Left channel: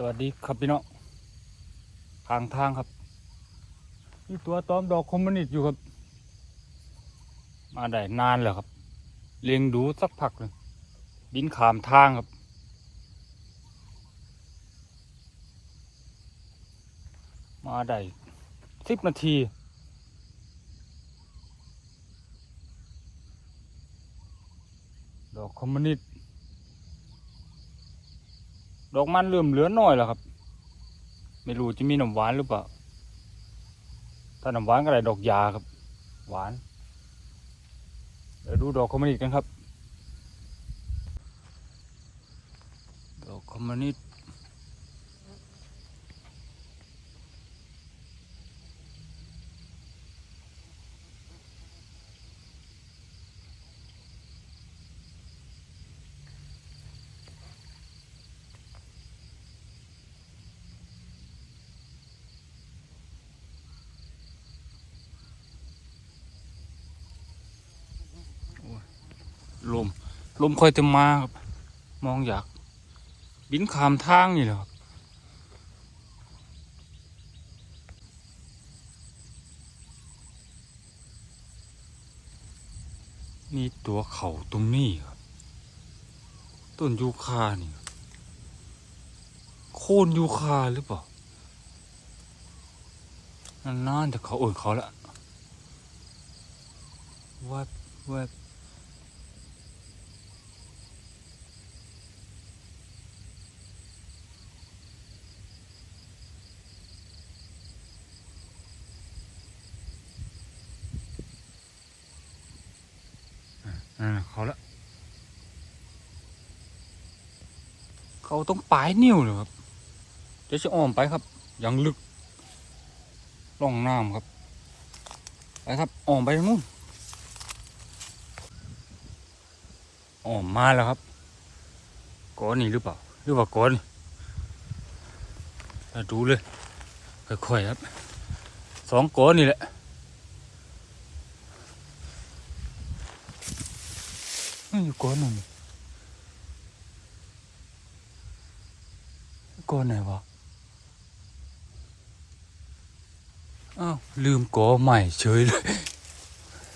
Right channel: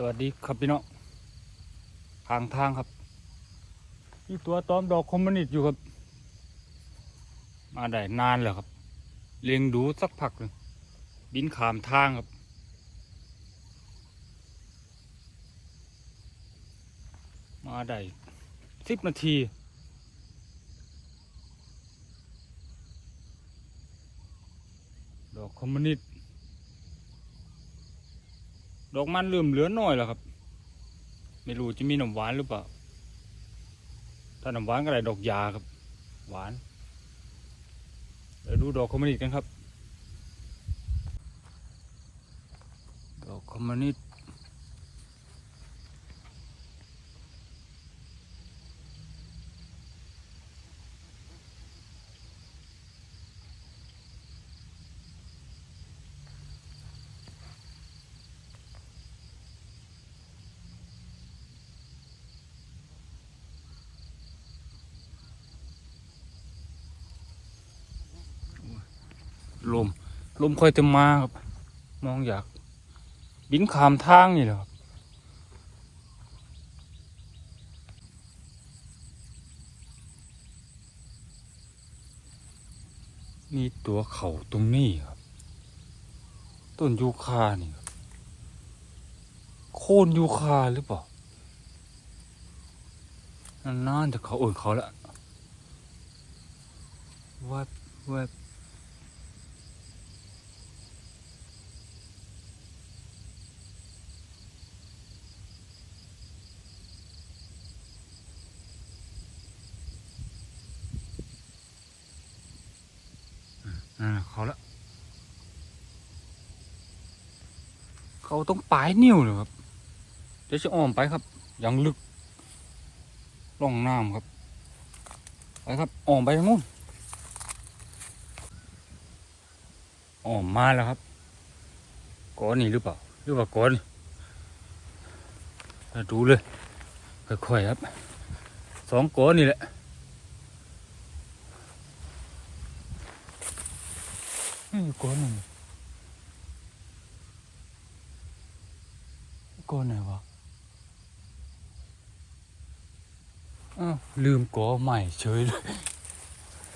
สวัสดีครับพี่น้องทางทางครับนี่ตัวตอมดอกคอมมินิตอยู่ครับ มาได้นานแล้วครับ เลี้ยงดูสักพักหนึ่งบินขามทางครับ มาได้สิบนาทีดอกคอมมินิต ดอกมันเริ่มเหลือน้อยแล้วครับ ไม่รู้จะมีน้ำหวานหรือเปล่า ถ้าน้ำหวานก็ได้ดอกยาครับ หวาน เดี๋ยวดูดอกคอมมินิตกันครับ ดอกคอมมินิต ลม ลมค่อยจะมาครับ มองอยาก บินขามทางนี่แหละครับมีตัวเขาตรงนี้ครับ ต้นยูคานี่ครับโค่นยูคาหรือเปล่านานๆแต่เขาเอ่ยเขาละวบแวบ อืมเขาละเขาต้องปลายนิ้วเลยครับเดี๋ยวจะอ้อมไปครับยังลึกร่องน้ำครับ ไปครับอ้อมไปทางนู้นอ้อมมาแล้วครับก้อนนี่หรือเปล่าหรือว่าก้อนมาดูเลยค่อยๆครับสองก้อนนี่แหละ นี่ก้อนหนึ่งก้อนไหนวะอ้าวลืมกอใหม่เฉยเลย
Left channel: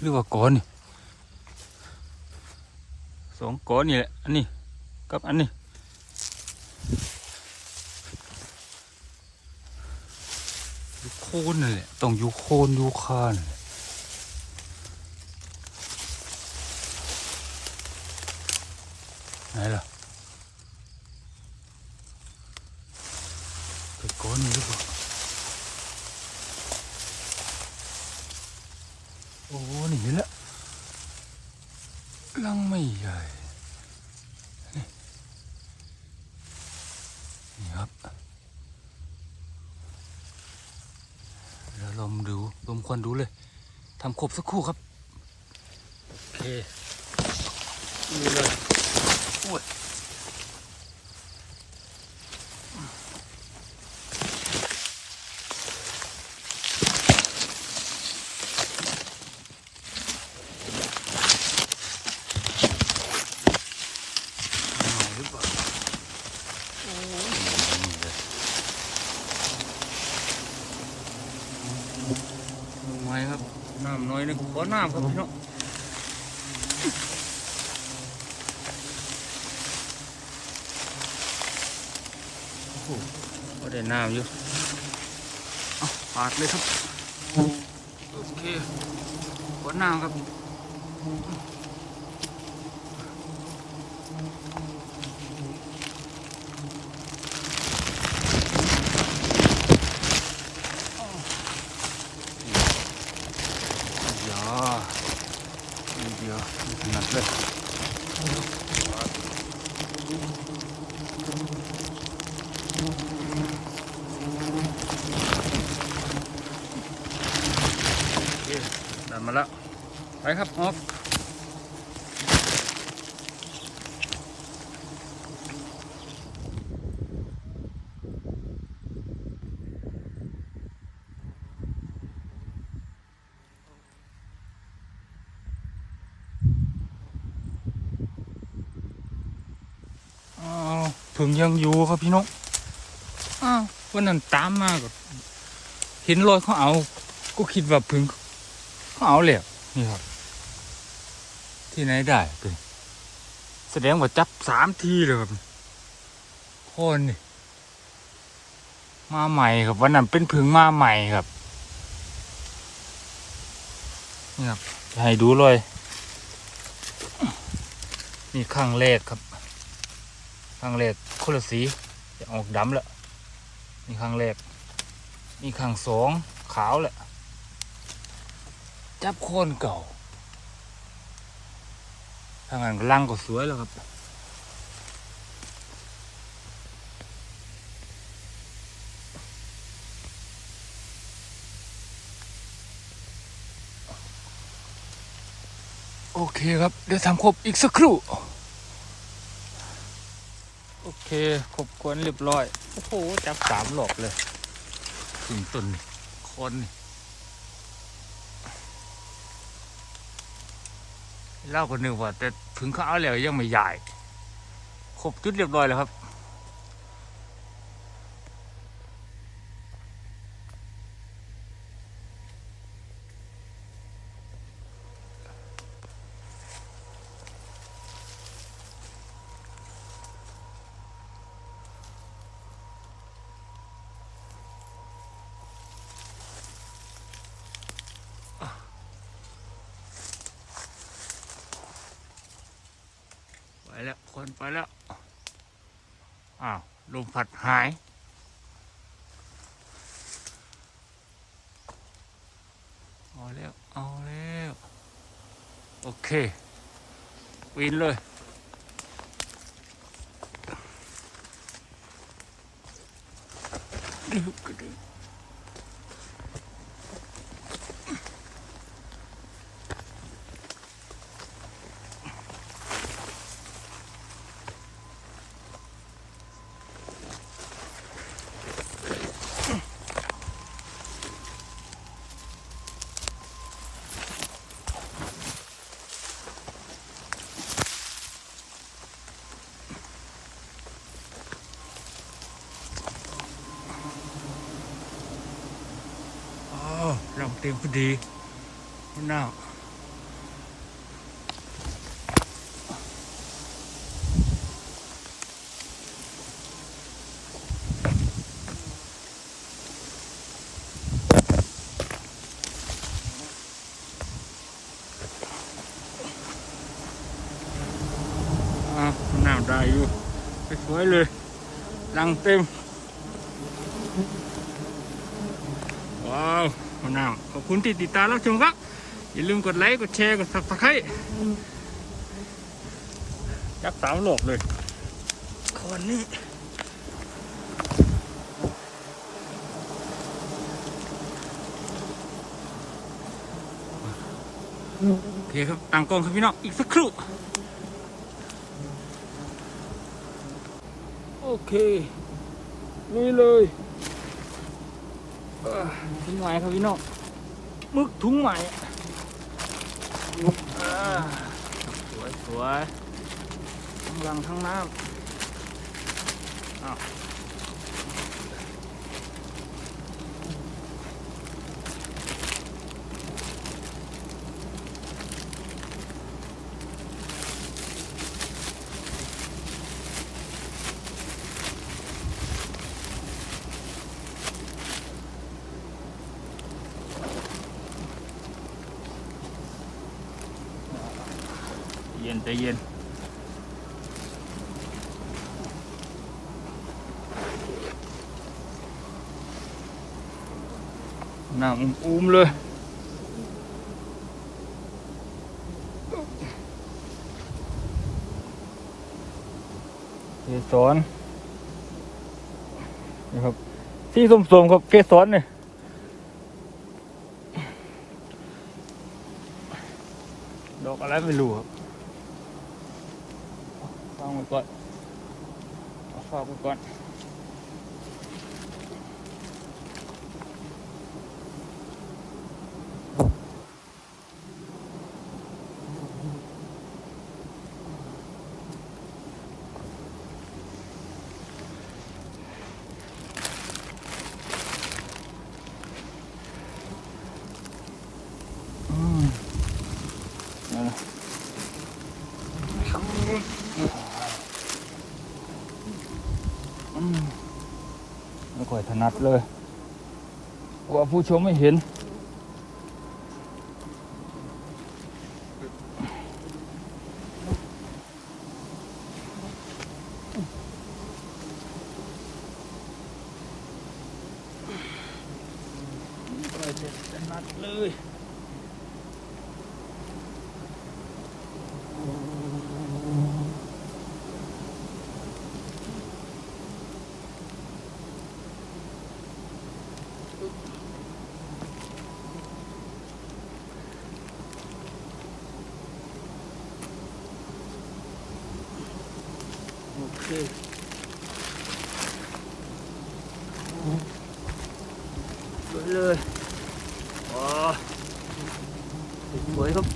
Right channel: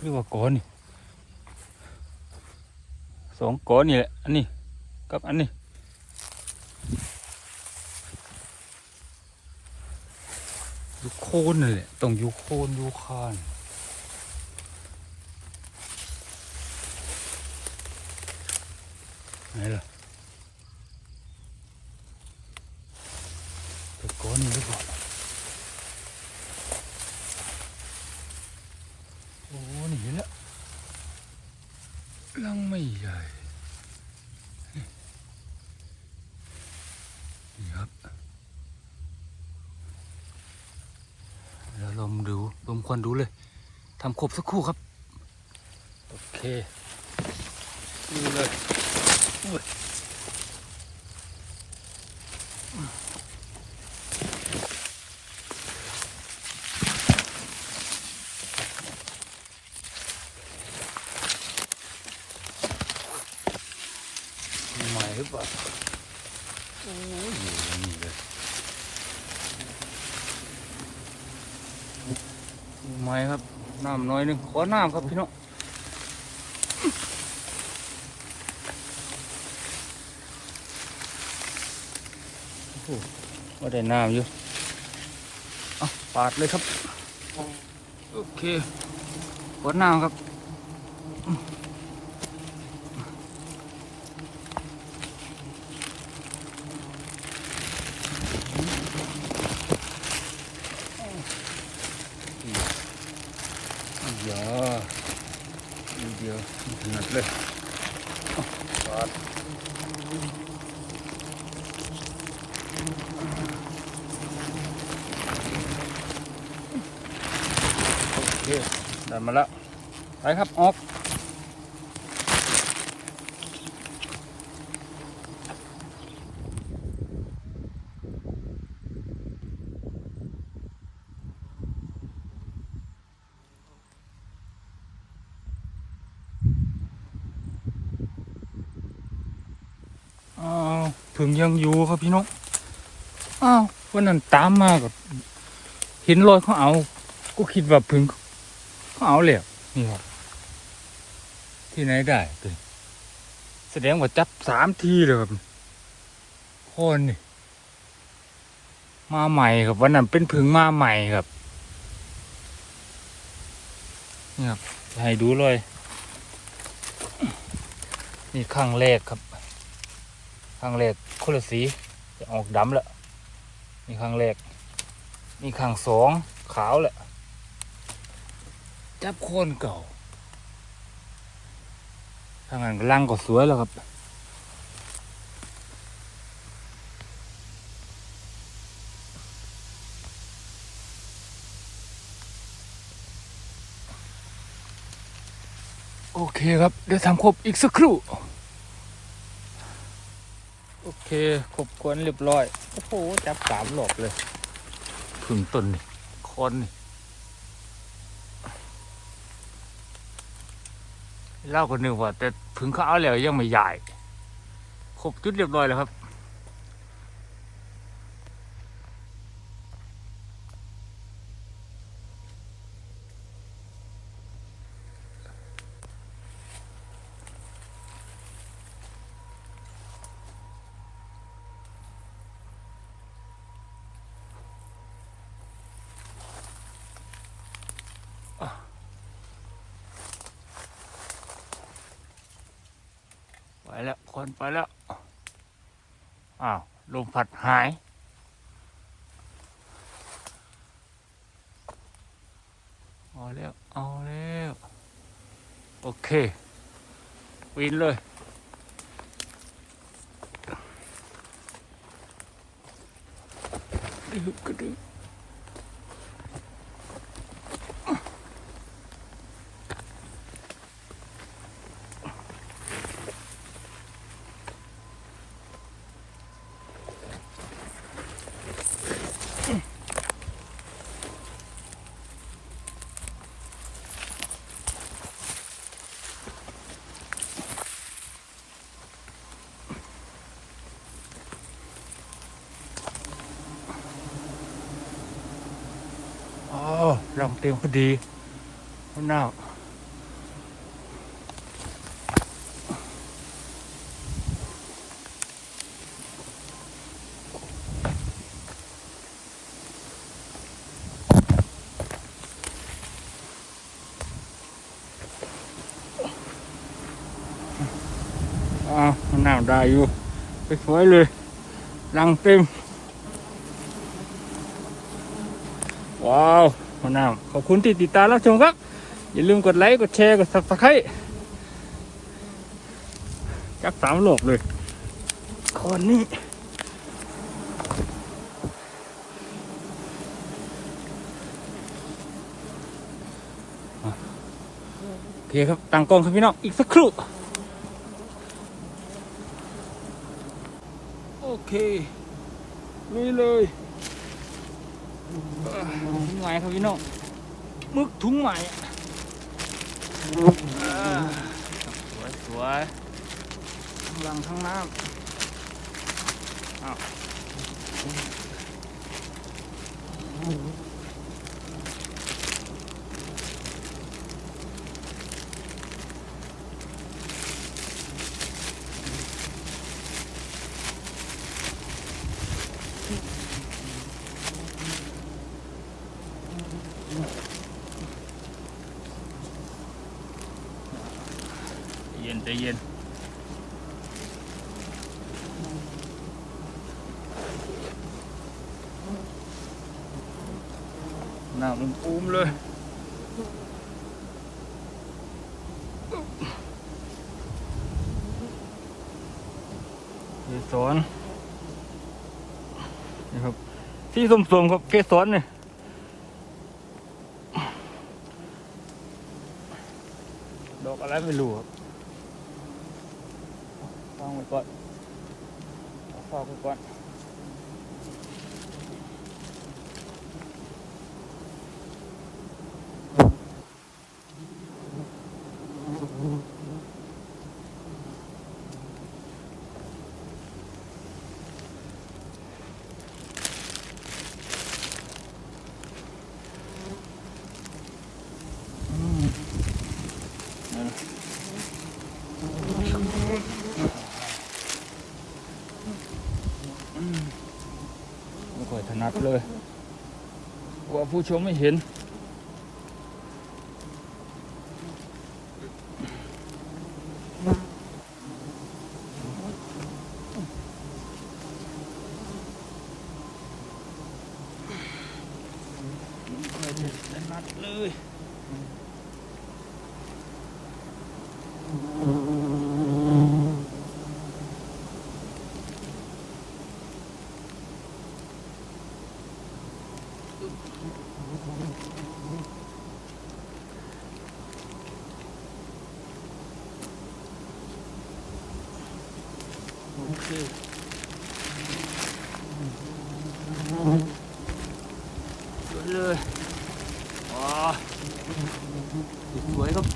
หรือว่ากอนี่สองกอนี่แหละอันนี้กับอันนี้อยู่โคนนั่นแหละต้องอยู่โคนอยู่คาน ไหนล่ะไปก้อนี่หรือเปล่าโอ้หนีแล้วลังไม่ใหญ่นี่ครับแล้วลมดูลมควันดูเลยทำครบสักครู่ครับ โอเคนี่เลย อุ้ยใหม่หรือเปล่าโอ้ยนี่เลยใหม่ครับ น้ำน้อยหนึงขอน้ำครับพี่น้อง โอ้โหว่า ได้น้ำอยู่เอาปาดเลยครับ โอเควัดน้ำครับอย่านิดเดี๋ยวถนัดเลยปาดโอเค ได้มาแล้วไปครับออกอ้าวผึ่งยังอยู่ครับพี่น้องอ้าววันนั้นตามมาก็เห็นรอยเขาเอา ก็คิดว่าพึ่ง เขาเอาแล้วนี่ครับ ที่ไหนได้ตัวนี้แสดงว่าจับสามทีเลยครับคนนี่มาใหม่ครับวันนั้นเป็นพึ่งมาใหม่ครับนี่ครับให้ดูเลยนี่ข้างแรกครับข้างแรกคนละสีจะออกดำแล้วนี่ข้างแรกนี่ข้างสองขาวแหละ จับโคนเก่าทางั้นลังก็สวยแล้วครับโอเคครับ เดี๋ยวทำครบอีกสักครู่ โอเคครบกวนเรียบร้อย โอ้โห จับสามหลบเลย ถึงต้นคนนี่ เล่าคนหนึ่งว่า แต่ถึงเขาเอาแล้วยังไม่ใหญ่ครบจุดเรียบร้อยแล้วครับ แล้วคนไปแล้ว อ้าวลมพัดหาย เอาแล้ว เอาแล้ว โอเค วินเลยอ๋อลองเต็มพอดีมันหนาวอ๋อมันหนาได้อยู่ไปสวยเลยลังเต็มว้าว หัวหน้าขอบคุณที่ติดตามรับชมครับ อย่าลืมกดไลค์ กดแชร์ กด subscribe จักสามโลกเลยคนนี้โอเคครับตั้งกล้องครับพี่น้อง อีกสักครู่ โอเคลุยเลย ถุงใหม่ครับพี่น้องมึกถุงใหม่อ่าสวยสวยทั้งรังทั้งน้ำอ้าว ใจเย็น นั่งอุ้มเลยเกสรนี่ครับที่ส้มๆครับเกสรเนี่ยดอกอะไรไม่รู้ครับ ก่อนฟอกไปก่อน ไม่ค่อยถนัดเลยว่าผู้ชมไม่เห็น ไม่ค่อยถนัดเลย โอเคสวยเลยว้าสวยครับ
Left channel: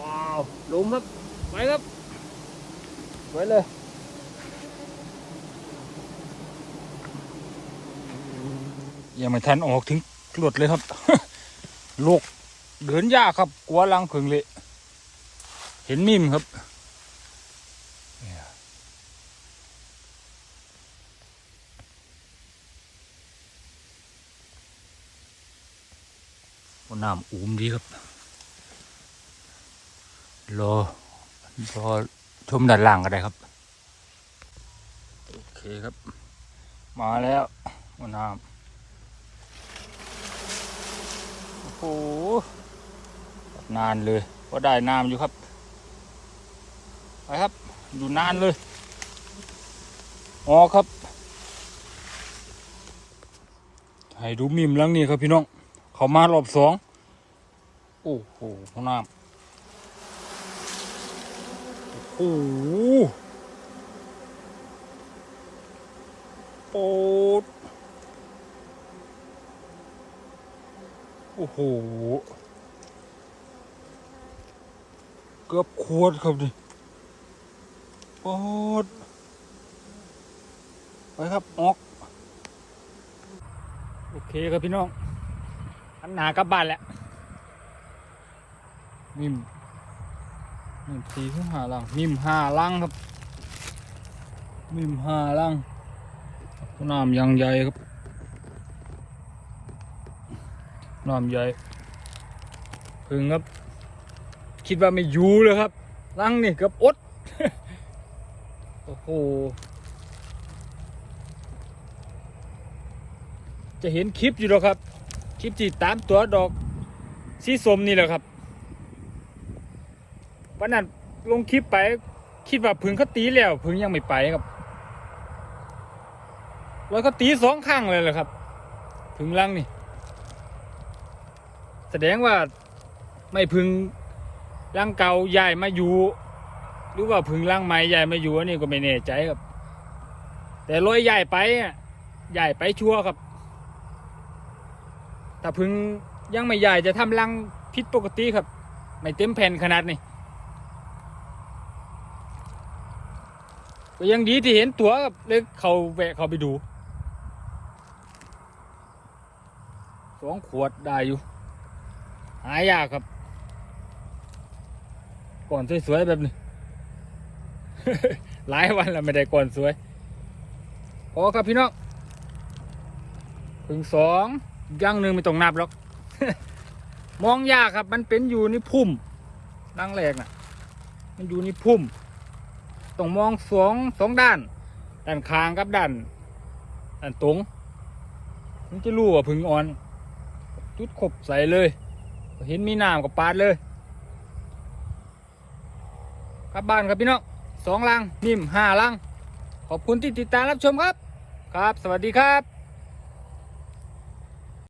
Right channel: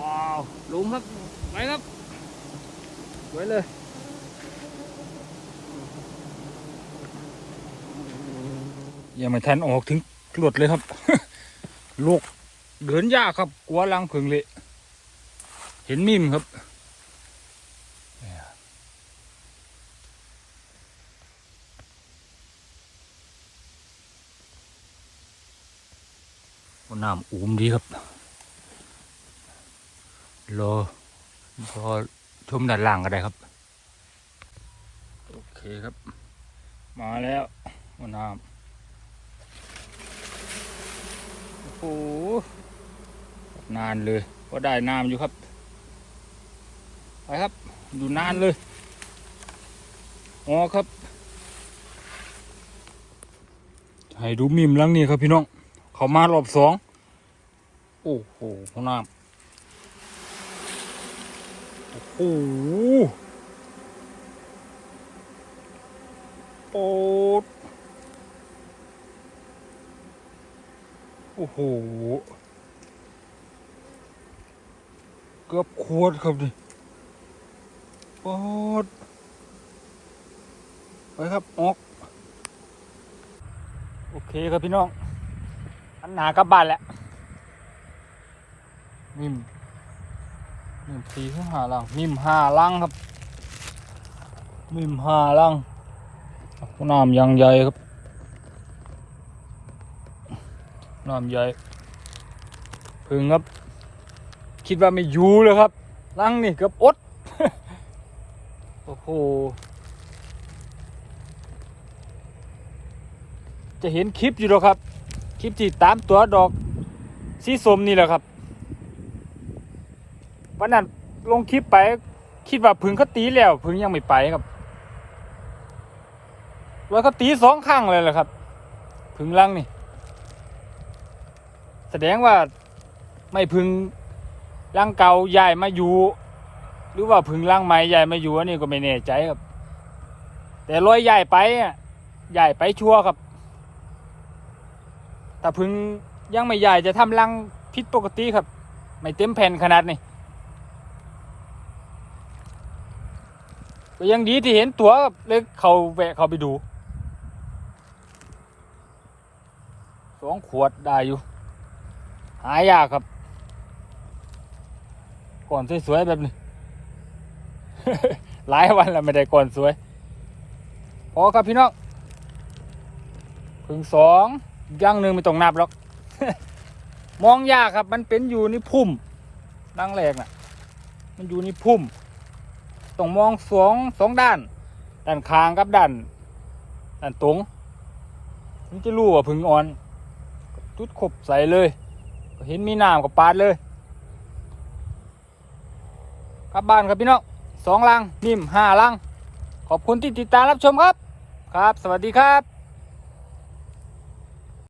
ว้าวลมครับไปครับ ไว้เลยยังไม่ทันออกถึงหลุดเลยครับลูกเดินยากครับ กลัวลังผึ่งเละเห็นมิมครับเนี่ยโอ้น้ำอูมดีครับ รอรอชมด้านล่างก็ได้ครับ โอเคครับ มาแล้วหัวน้ำโอ้โหนานเลยก็ได้น้ำอยู่ครับ ไปครับ อยู่นานเลยอ๋อครับ ให้ดูมิมหลังนี่ครับพี่น้อง เขามารอบสอง โอ้โหหัวน้ำ โอ้โหโปดโอ้โห เกือบขวดครับดิปอดไปครับ ออก โอเคครับพี่น้อง อันหนากลับบ้านแล้วนิ่ม นิ่มสี่ห้าลังนิ่มห้าลังครับนิ่มห้าลังน้ำยังใหญ่ครับน้ำใหญ่พึ่งครับ คิดว่าไม่อยู่เลยครับลังนี่เกือบอดโอ้โหจะเห็นคลิปอยู่แล้วครับ คลิปที่ตามตัวดอกสีส้มนี่แหละครับ วันนั้นลงคลิปไป คิดว่าผึ่งเขาตีแล้วผึ่งยังไม่ไปครับว่าเขาตีสองข้างเลยแหละครับผึ่งลังนี่ แสดงว่าไม่ผึ่งลังเก่าใหญ่มาอยู่หรือว่าผึ่งลังใหม่ใหญ่มาอยู่อันนี้ก็ไม่แน่ใจครับ แต่รอยใหญ่ไปอะใหญ่ไปชัวครับแต่ผึ่งยังไม่ใหญ่จะทำรังผิดปกติครับ ไม่เต็มแผ่นขนาดนี้ ก็ยังดีที่เห็นตัวครับเลยเขาแวะเขาไปดูสองขวดได้อยู่ หายากครับ ก่อนสวยๆแบบนี้ หลายวันแล้วไม่ได้ก่อนสวยพอครับพี่น้องถึงสองย่างหนึ่งไม่ต้องนับหรอก มองยากครับ มันเป็นอยู่ในพุ่มดังแรกน่ะ มันอยู่ในพุ่ม ต้องมองสองสองด้าน ด้านคางกับด้านด้านตรงถึงจะรู้ว่าพึ่งอ่อนจุดขบใส่เลยก็เห็นมีน้ำกับปาดเลยกลับบ้านครับพี่น้องสองลังนิ่มห้าลัง ขอบคุณที่ติดตามรับชมครับ ครับ สวัสดีครับ